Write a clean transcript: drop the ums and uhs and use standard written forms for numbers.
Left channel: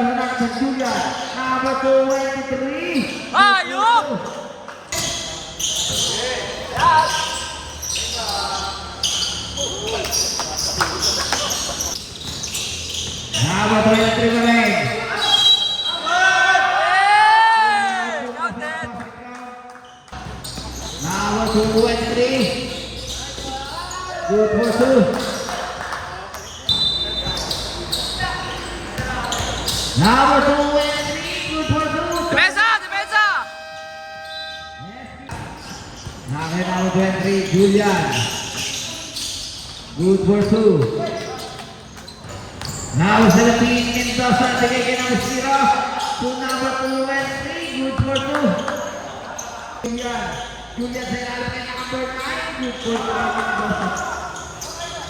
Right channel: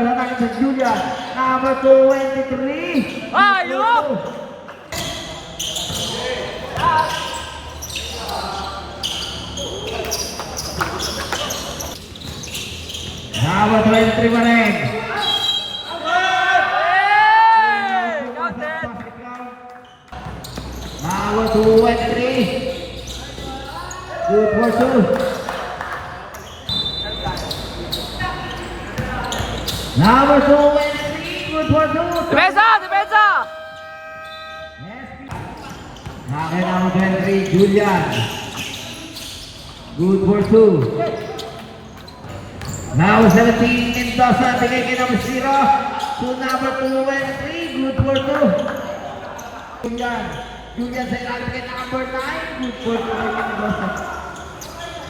Hernandez Julian. Number 23. Ayup! Number 23 Maleng. Hey! Counted! Number 23. Good for two. Number 23. Good for two. Depensa! Depensa! Number 23 Julian. Good for two. Now 17 Mendoza, bigay kay number 0 to number 23, good for 2. Julian sa ilalim kay number 9, good for 2 kay Mendoza.